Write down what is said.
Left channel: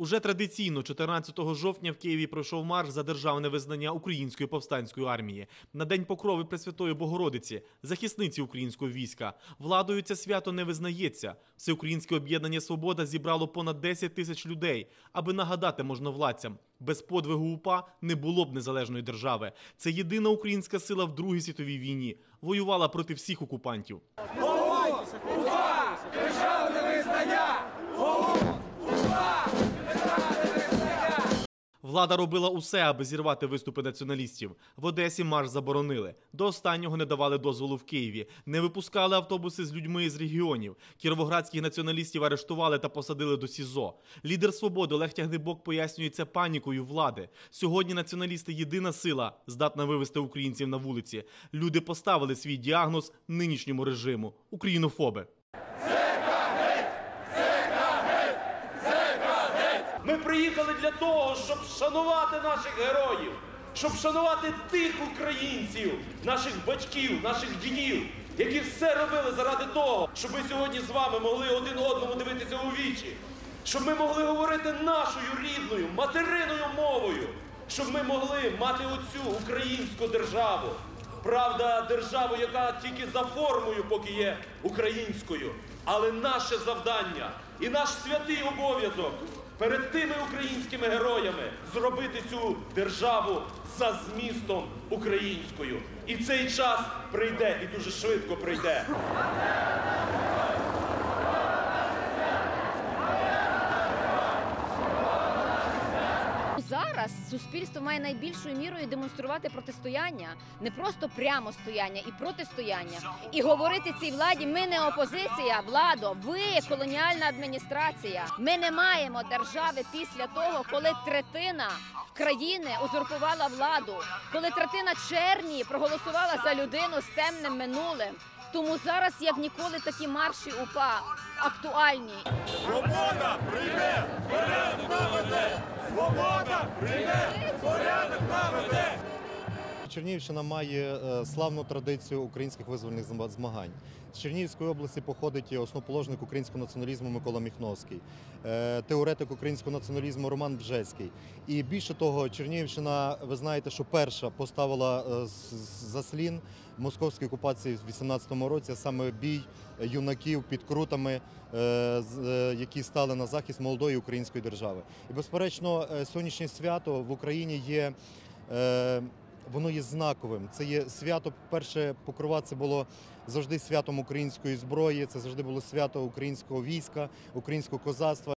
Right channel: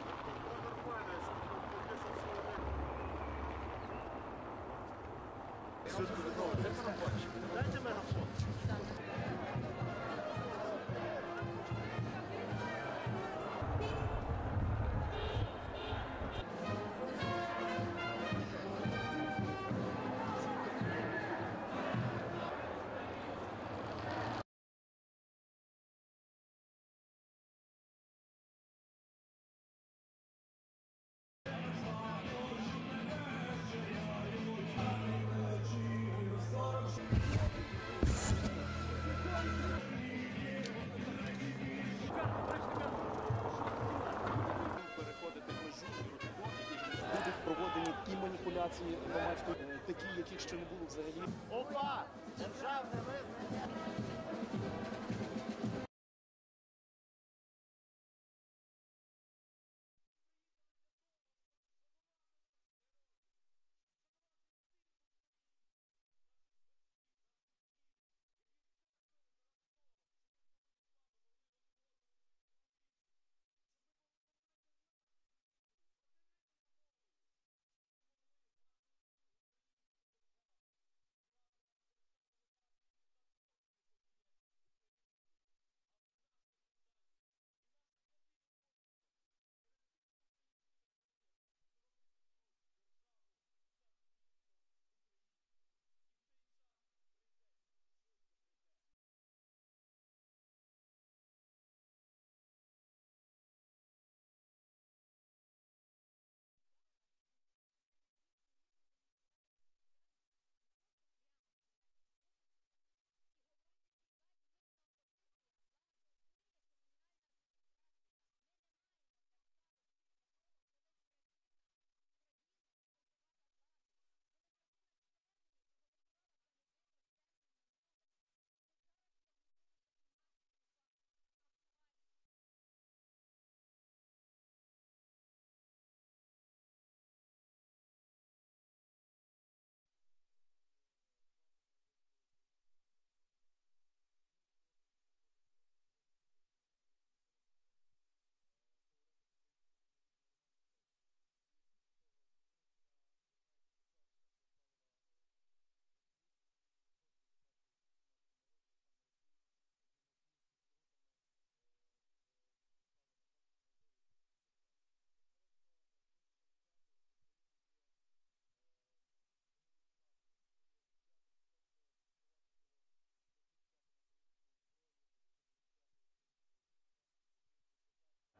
Уже традиційно 14 жовтня в Києві пройшов марш за державне визнання Української повстанської армії. На день покрови Пресвятої Богородиці, захисниці українського війська. Владою це свято не визнається. Всеукраїнське об'єднання Свобода зібрало понад 10 тисяч людей, аби нагадати можновладцям, без подвигу УПА не було б незалежної держави. Це єдина українська сила в Другій світовій війні. Воювала проти всіх окупантів. Влада робила усе, аби зірвати виступи націоналістів. В Одесі марш заборонили. До останнього не давали дозволу в Києві. Не випускали автобуси з людьми з регіонів. Кіровоградських націоналістів арештували та посадили до СІЗО. Лідер свободи Олег Тягнебок пояснює це панікою влади. Сьогодні націоналісти єдина сила, здатна вивести українців на вулиці. Люди поставили свій діагноз нинішньому режиму українофоби. Ми приїхали для того, щоб шанувати наших героїв, щоб шанувати тих українців, наших батьків, наших дідів, які все робили заради того, щоб ми сьогодні з вами могли один одному дивитися у вічі, щоб ми могли говорити нашою рідною, материною мовою, щоб ми могли мати оцю українську державу. Правда, державу, яка тільки за формою поки є українською. Але наше завдання і наш святий обов'язок перед тими українськими героями зробити цю державу за змістом українською. І цей час прийде, і дуже швидко прийде. Зараз суспільство має найбільшою мірою демонструвати протистояння, не просто прямо стояння і протистояння, і говорити цій владі: ми не опозиція, владо, ви колоніальна адміністрація. Ми не маємо держави після того, коли третина країни узурпувала владу, коли третина черні проголосувала за людину з темним минулим. Тому зараз, як ніколи, такі марші УПА актуальні. Свобода прийде! Свобода прийде, порядок наведе! Чернігівщина має е, славну традицію українських визвольних змагань. З Чернігівської області походить основоположник українського націоналізму Микола Міхновський, е, теоретик українського націоналізму Роман Бжецький. І більше того, Чернігівщина, ви знаєте, що перша поставила е, заслін московській окупації в 18-му році, саме бій юнаків під крутами, які стали на захист молодої української держави. І безперечно, сьогоднішнє свято в Україні є. Воно є знаковим. Це є свято. Перше покрова це було завжди святом української зброї. Це завжди було свято українського війська, українського козацтва.